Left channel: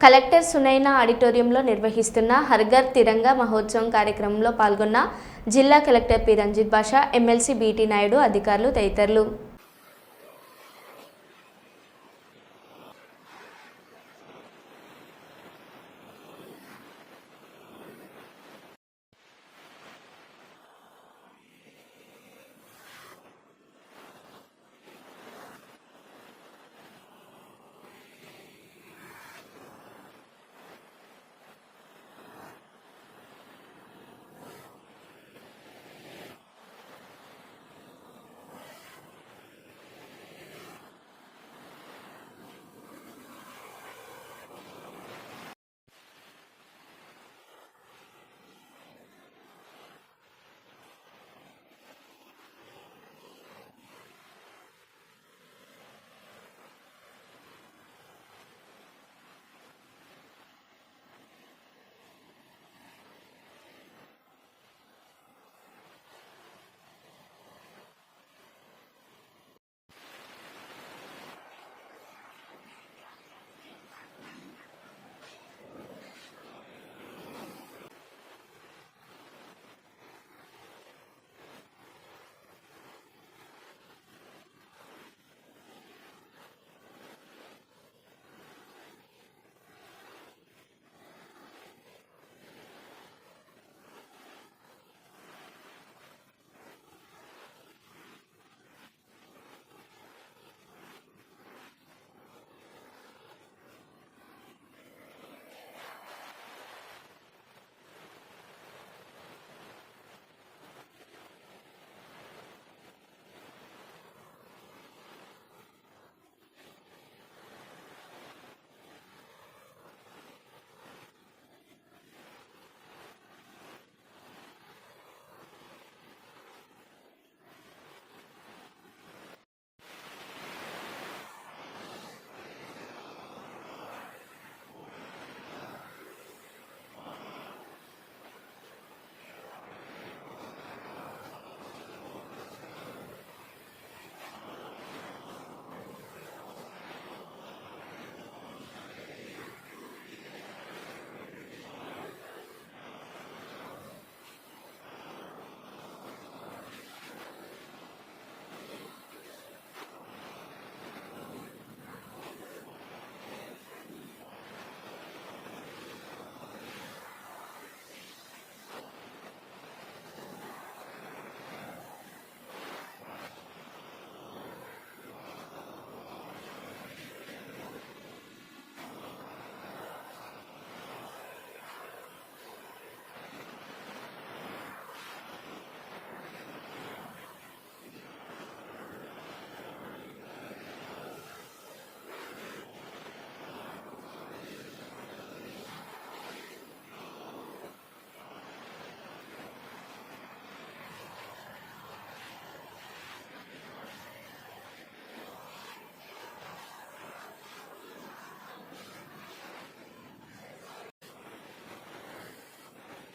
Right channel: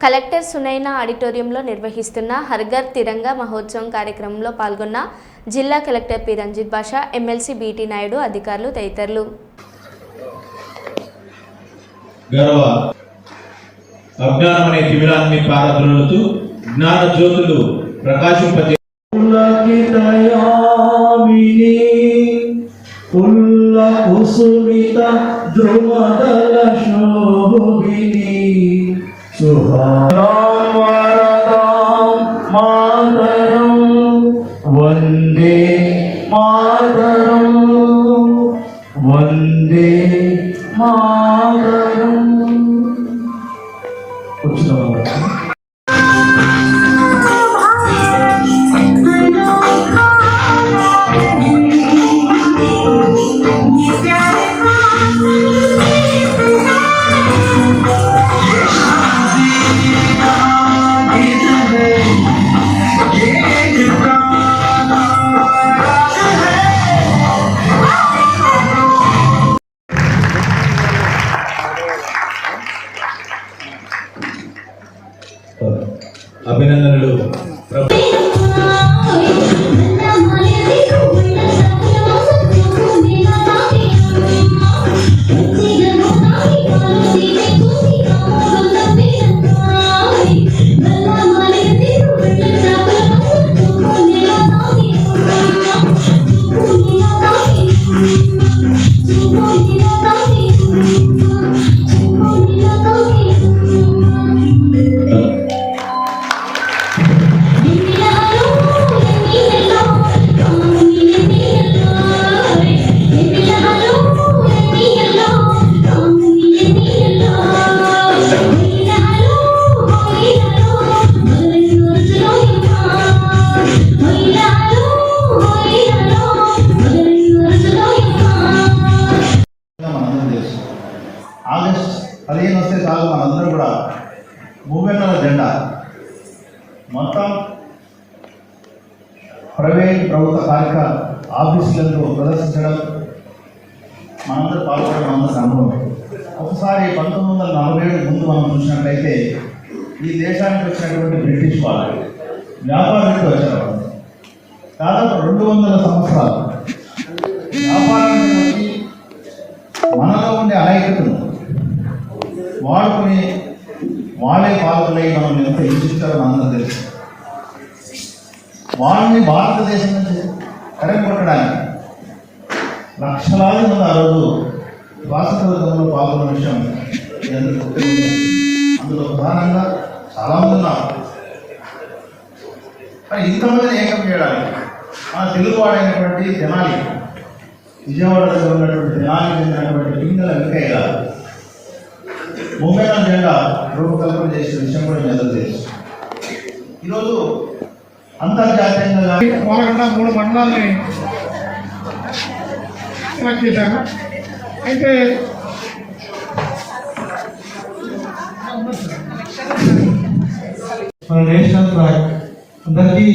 Collector Sunaina ఆడిటోరియంలో నిర్వహిస్తున్న హర్ఘర్ తిరంగా మహోత్సవం కార్యక్రమంలో పాల్గొన్న జిల్లా collector P. Ranjit Basha MLC BT Naidu అధికారులు తదితరులు. గర్వ అజ్ఞానం అనే తిమిరాన్ని పారద్రోలుతూ జ్ఞాన జ్యోతులు ప్రకాశింపజే పులకితయామిని పుల్ల కుసుమిత ధ్రువదల శోభిని சுகாராம் வரதாம் மாதரம் வந்தே மாதரம் வந்தே అభినందనలు. పదిహేను వస్తే చాలు మనందరూ కూడా మూవెన్నెల జెండా. మొత్తం ప్రైవేట్ ప్రభుత్వ కార్యక ఆఫీసులలో ప్రదర్శించడం మనందరూ పాల్గొనడం మనందరూ అనుభవం ఒకసారి పంతొమ్మిది వందల నలభై ఏడు ముందు మనం చూసినట్లయితే ఈ దేశానికి వచ్చినటువంటి బ్రిటిష్ వాళ్ళు వ్యాపారానికి వచ్చారు దాదాపు రెండు వందల సంవత్సరాలు వ్యాపారానికి మనలో ఉండే అనేకతను వాడుకుని వాళ్ళే పాల్గొనై మనం ఎంత హింసిస్తారో అందరూ తెలుసు. వాళ్ళని భారతదేశం నుంచి కరెక్ట్ లక్షలాది మంది ఆ రోజు స్వాతంత్రంలో పాల్గొన్న విషయం అందులో ప్రధానంగా చాలామంది ఉన్నారు. కానీ ఇంతమందిని ఏకం చేయడానికి మన తెలుగువాడైనటువంటి తెనాలి విజయవాడ దగ్గర ఉన్నటువంటి తెనాలి ముంబైలో జెండా రూపకల్పన చేసిన విషయం కూడా మీ అందరూ తెలుసు. ఈరోజు అంతర్జాతీయంగా మూడు మండలాల్ని సెలెక్ట్ చేశారు. అయితే మన నేషనల్ ఫ్లాగ్. అందరికీ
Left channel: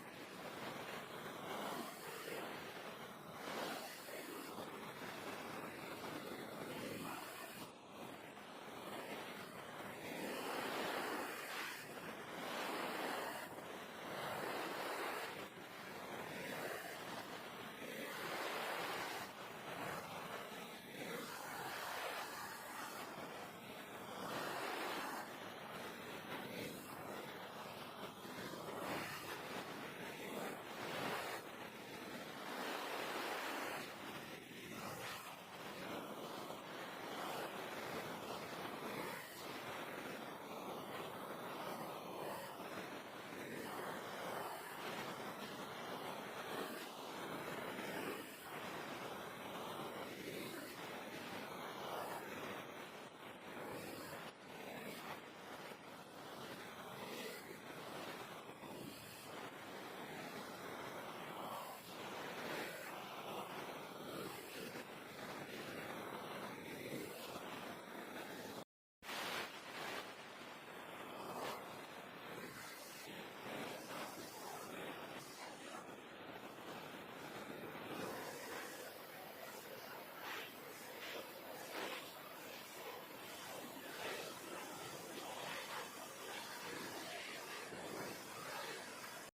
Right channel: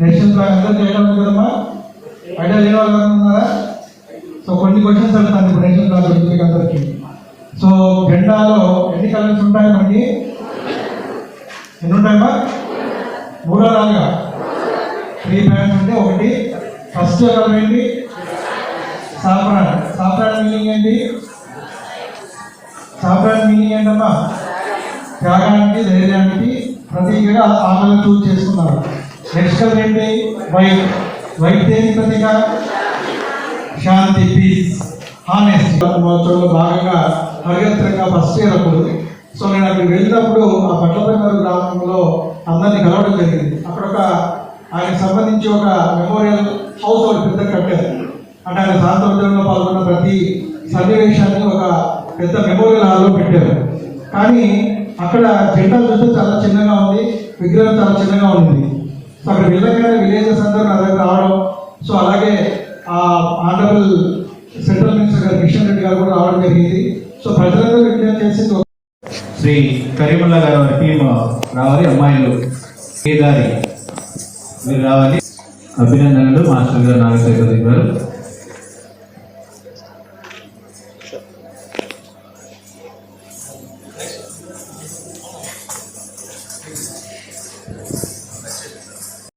నేషనల్ ఫ్లాగ్ అందరూ చేయడం ఉంది కదమ్మా? ఐడియా లేని వాళ్ళు ఉన్నారా? సో కొన్ని క్వశ్చన్స్ అడుగుతాను ఇప్పుడు నేషనల్ ఫ్లాగ్ గురించి అందరికీ. సో జెండాలో ఎన్ని కలర్స్ ఉంటాయి మనకి? ఎన్ని ఉంటాయమ్మా మూడో రాగా త్రీ బ్యాండ్స్ ఉంటే ఒకటి. ఫస్ట్ కలర్ ఏంటి? సాఫ్రాన్. సాఫ్రాన్ మీనింగ్ ఏంటి? సాఫ్రాన్ మీనింగ్ ఏంటమ్మా? త్యాగానికి ధైర్యానికి ప్రతీకగా ఆమెను చూజ్ చేసుకున్నారు. నెక్స్ట్ కలర్ ఏంటి? వైట్. వైట్ దేని ప్రతీక? శాంతి పీస్ హానెస్ట్. మహోత్సవంలో భాగంగా హరిగత్రంగా ఫస్ట్ ఇయర్ అప్పుడు. సో నేను అక్కడికి వెళ్ళినప్పుడు ఆ పట్లపల్లి గ్రామంలో అందరినీ కలవడం జరిగింది. అక్కడ ఒక ఆయనకు సంబంధించి ఒక మెమోరియల్ హౌస్ ఒకటి పెద్ద కట్టారు. అంటే ఆయన స్వాతంత్రంలో పాల్గొన్న ప్రతి సన్నివేశాన్ని ఒక పెద్ద మెమోరియల్ హాల్లో పెట్టారు. కానీ అక్కడ జెండా చూస్తే చాలా చిన్నగా ఉంది విగ్రహం చాలా చిన్నగా ఉంది. సో అక్కడ వెళ్ళగానే విలేజెస్ అందరూ నా దగ్గర రావడం. సో అలాగే ఆ ఆనరబుల్ సెంట్రల్ మినిస్టర్ గారు కిషన్ రెడ్డి గారు కూడా సో ప్రజలందరూ విజ్ఞప్తి చేసింది శ్రీ కరీముల్లా గారు వారి టీమ్ రావాలి అమ్మాయిలు కేదారి మీరు రావాలి. అభినందనలు మాస్టర్ గారు నాగశేఖర్ గారు.